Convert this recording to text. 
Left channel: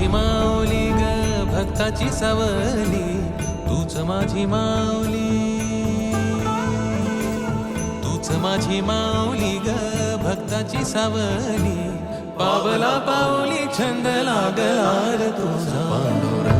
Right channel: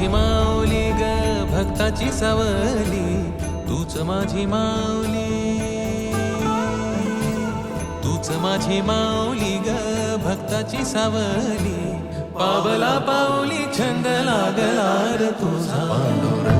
माझी माऊली ग भक्ताची सावली, तूच माझी माऊली, तूच माझी माऊली ग भक्ताची सावली. पावला पाऊली छंद लागला रे तुझा पांडुरंग.